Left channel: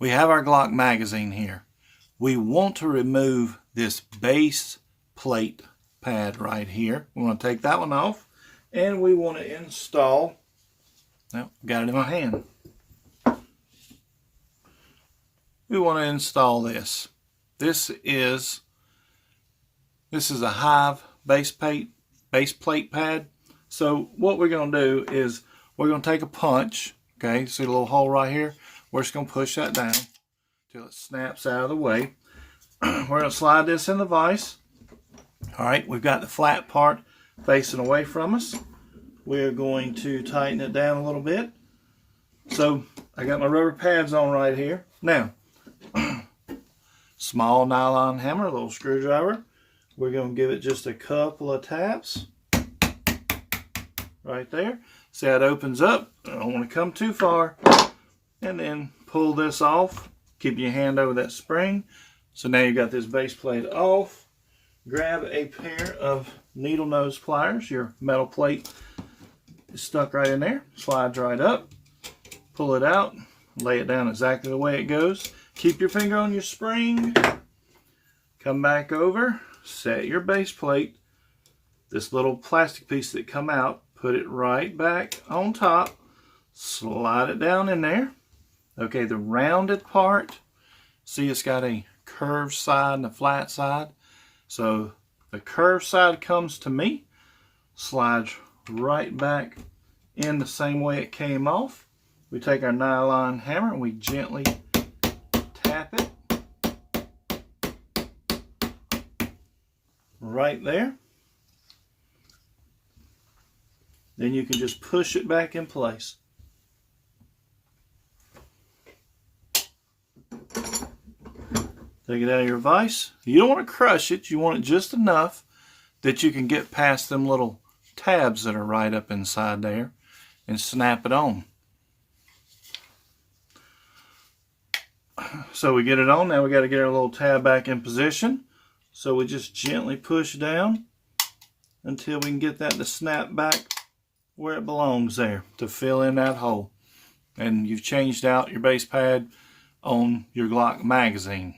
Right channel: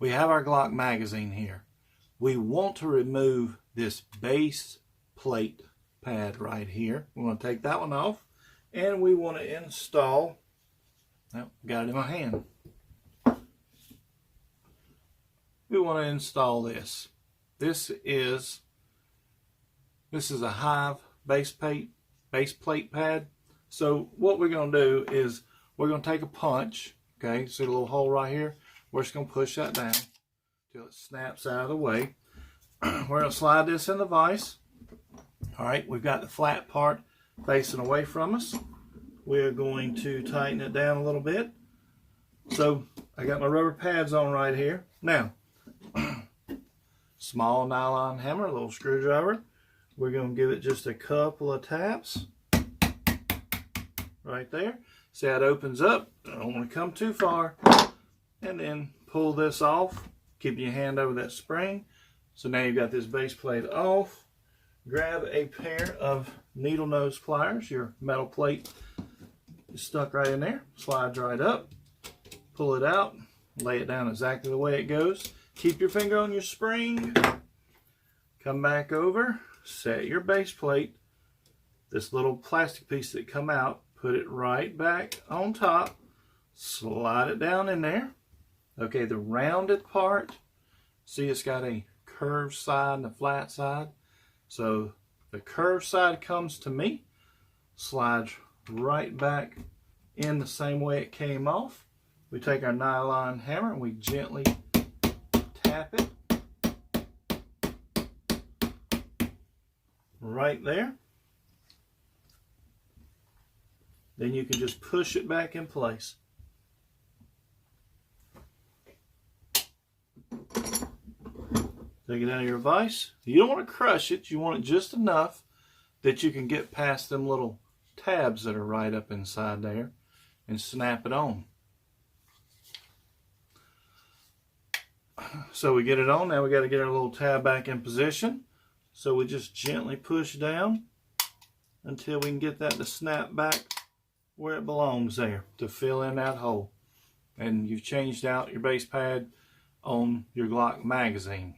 we have our Glock magazine here. We want to remove this base plate pad right here. We want to take that one off, and we want to install, got it in my hand. We want to install this. This is a Hive base plate pad. So what we're going to do is we're going to take a punch. Okay, see the little hole right here? We're just going to push that down till it snaps out of the way. We're going to slide this in the vise. All right, we've got the flat part facing away from us. We're going to tighten it down a little bit. So I got my rubber pads on right here. Now, small nylon hammer, a little screwdriver. We're going to give it just a couple of taps right there. See how it opens up? I don't want to come too far. And then pull this off. Keep your hand over that spring. So now you got this base plate off. Grab a pair of needle nose pliers. Your metal plate is stuck right in there. Slides right up. Pull it out. Lay it down exactly the way it goes. Keep your finger on your spring. Come back over. Set your base plate. This little plastic piece that come out, put it right back on top. Slide it down in there. Okay, the rounded part, see it's got a curved side and a flat side. So the curved side comes to me, slides right back in the same way it came off. We take our nylon hammer and we gently tap it right there. Then you can just push it back in place. Take it out of your vise. You don't want to crush it. You want it just enough that you can get past them little tabs that are right up inside there and snap it on. So we get it on. Now we got to get our little tab back in position. So we just gently push down until we can get that to snap back where it belongs there to fill in that hole. And you've changed out your base pad on your Glock magazine.